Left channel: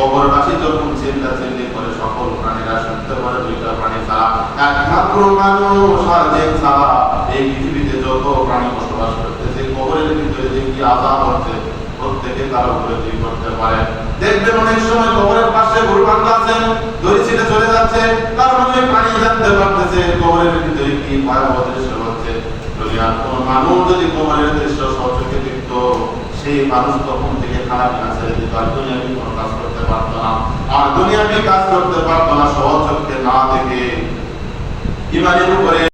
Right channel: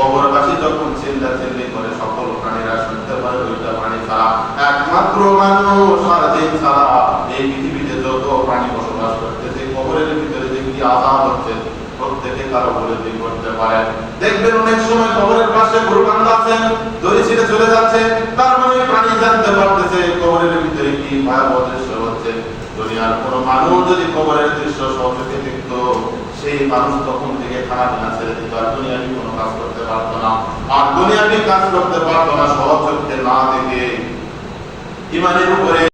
কবরবাসী যখন চিল্লা চিল্লি করে সকল প্রাণীরা শুনতে পারে দুইটা প্রাণী ছাড়া, একমাত্র মানুষ আর জিন ছাড়া এই পৃথিবীতে যত প্রাণী বসবাস করতেছে কবরের ভিতরে যে কি আজাব হচ্ছে, প্রত্যেকে তার দুই করতে পারে। দেখবেন অনেক সময় কবরের পাশে গরু আছেন দড়ি ছিঁড়ে চলে যাচ্ছে, তার মানে প্রাণী জানতে পারতেছে কবরের ভিতরে কি ভয়াবহ দৃশ্য হচ্ছে। দুনিয়ার কোন মানুষ যদি কবরের দৃশ্য সচোখে দেখতো, সেই মানুষ তখন আর কাজ করতে পারতো না। আর কাজ করতে পারতো না, সহজ না দেখে। ইমানের উপরে